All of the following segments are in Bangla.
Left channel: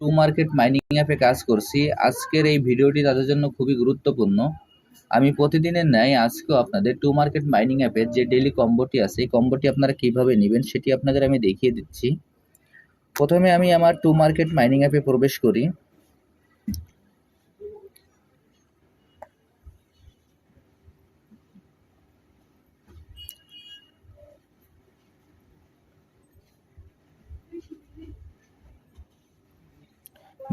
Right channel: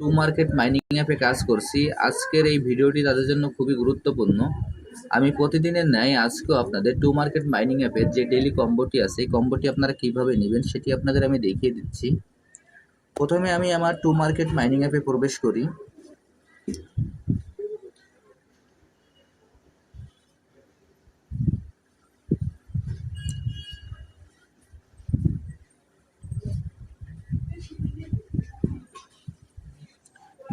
টু মার্কেট মাইনিং অ্যাপে কাজ করছি। আজকের এই ভিডিওটি তাদের জন্য খুবই গুরুত্বপূর্ণ। আমি প্রতিদিনের ন্যায় আজকেও আপনাদের টু মার্কেট মাইনিং অ্যাপের যে ডেলি কম্বোটি আছে, এই কম্বোটি আপনারা কীভাবে নেবেন সেটি আপনাদের আমি দেখিয়ে দিচ্ছি। প্রথমে আমি আমার টু মার্কেট মাইনিং অ্যাপে প্রবেশ করি।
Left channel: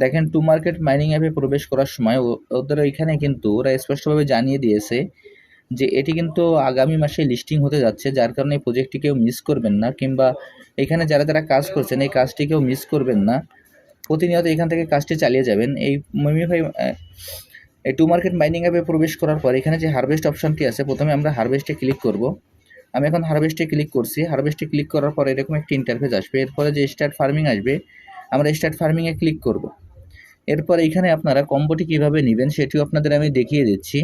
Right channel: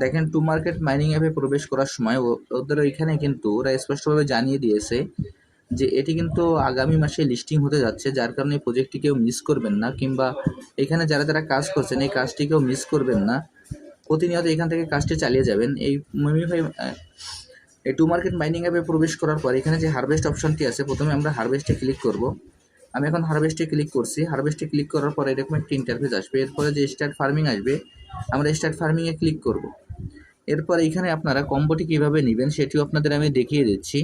দেখেন টু মার্কেট মাইনিং অ্যাপে প্রবেশ করার সময় ওদের ওইখানে কিন্তু ওরা স্পষ্টভাবে জানিয়ে দিয়েছে যে এটি কিন্তু আগামী মাসে লিস্টিং হতে যাচ্ছে, যার কারণে এই প্রজেক্টটি কেউ মিস করবেন না কিংবা এখানে যারা যারা কাজ করছেন, এই কাজটি কেউ মিস করবেন না। প্রতিনিয়ত এখান থেকে কাজটি চালিয়ে যাবেন। এই মিমিফাই এই টু মার্কেট মাইনিং অ্যাপে প্রবেশ করার পর এখানে যে হারভেস্ট অপশনটি আছে, প্রথমে আমরা হারভেস্টে ক্লিক করব। আমি এখন হারভেস্টে ক্লিক করছি। হারভেস্টে ক্লিক করার পর এরকম একটি ইন্টারফেস আসবে। এরপরে যে স্টার্ট ফার্মিং আসবে, আমরা স্টার্ট ফার্মিংয়ে ক্লিক করব। এরপর এখানে আপনারা কম্বোটি কীভাবে নেবেন সেটিও আপনাদের আমি দেখিয়ে দিচ্ছি।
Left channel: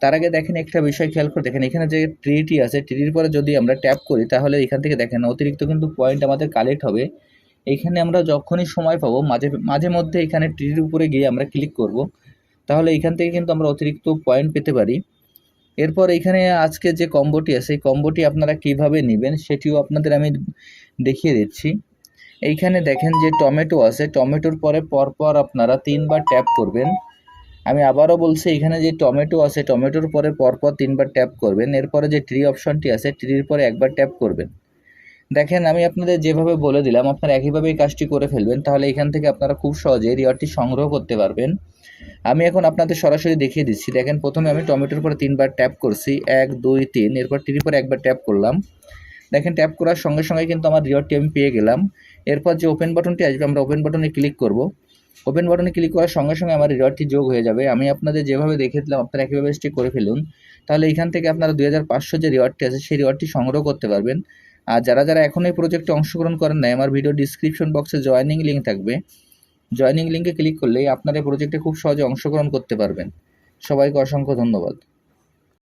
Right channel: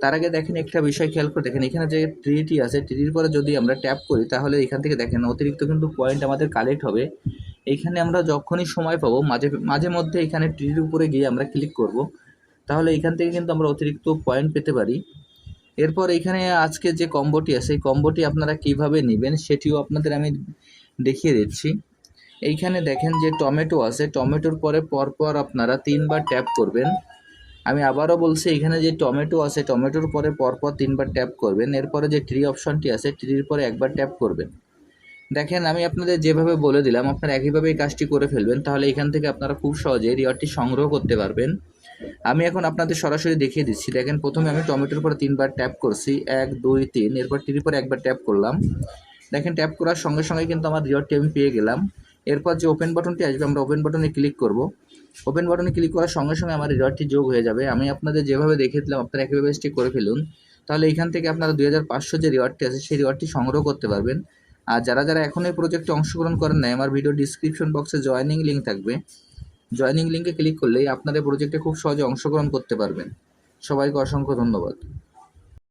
তার আগে দেখেন একটা বিষয় খেয়াল করে দেখেন, এখানে যে ট্রিটি আছে ট্রির পরে যদি আমরা ট্যাপ করি, তাহলে এখান থেকে দেখেন অতিরিক্ত কিন্তু পয়েন্ট আমাদের কালেক্ট হবে। এইখানে আমরা যখনই সময় পাবো, মাঝে মাঝে মধ্যে এখানে ট্রির উপরে গিয়ে আমরা ক্লিক করব। তাহলে এখান থেকে কিন্তু আমরা অতিরিক্ত পয়েন্ট পেতে পারি। এরপর এখানে আজকে যে কম্বোটি আছে, এই কম্বোটি আপনারা কীভাবে নেবেন সেটিও আপনাদের আমি দেখিয়ে দিচ্ছি। এইখানে দেখেন যে টমেটো আছে, টমেটোর পরে পরপর আপনারা তিনবার ট্যাপ করবেন। আমি আবারও বলছি, এখানে যে টমেটো আছে, টমেটোর পরে পরপর তিনবার ট্যাপ করবেন। এরপরে যে ট্রি অপশনটি আছে ট্রির পরে একবার ট্যাপ করবেন। দেখেন, আমি আপনাদের যেভাবে বলে দিলাম, আপনারা একইভাবে এই কাজটি করে ফেলবেন, তাহলে এখান থেকে আপনারা খুব সহজে রিওয়ার্ডটি সংগ্রহ করতে পারবেন। আমি এখন আপনাদের সরাসরি দেখিয়ে দিচ্ছি। দেখেন, প্রথমে আমি টমেটোর পরে তিনবার ট্যাপ করছি। এক, দুই, তিন, এরপর ট্রির পরে একবার ট্যাপ করলাম। দেখেন ট্যাপ করার সঙ্গে সঙ্গে কিন্তু আমার রিওয়ার্ডটি আমি পেয়ে গেলাম। এরপর যে ওপেন বাটনটি আসবে, আমরা ওপেন বাটনে ক্লিক করব। ওপেন বাটনে ক্লিক করার সঙ্গে সঙ্গে আমার রিওয়ার্ডটি যোগ হয়ে যাবে। আমি আপনাদের যেভাবে দেখে দিলাম, আপনারা একইভাবে স্টিক করে ফেলুন। তাহলে এখান থেকে আপনারা দুই হাজার পাঁচশো যে রিওয়ার্ডটি আছে, সেই রিওয়ার্ডটি সংগ্রহ করতে পারবেন। আর যারা যারা এখন এই প্রজেক্টে অংশগ্রহণ করেন নাই, আমার ভিডিও ডিসক্রিপশন বক্সে জয়েনিং লিঙ্ক থাকবে। জয়েনিং লিঙ্কে ক্লিক করলেই আপনারা প্রজেক্টে খুব সহজে অংশগ্রহণ করতে পারবেন। সবাইকে অসংখ্য ধন্যবাদ।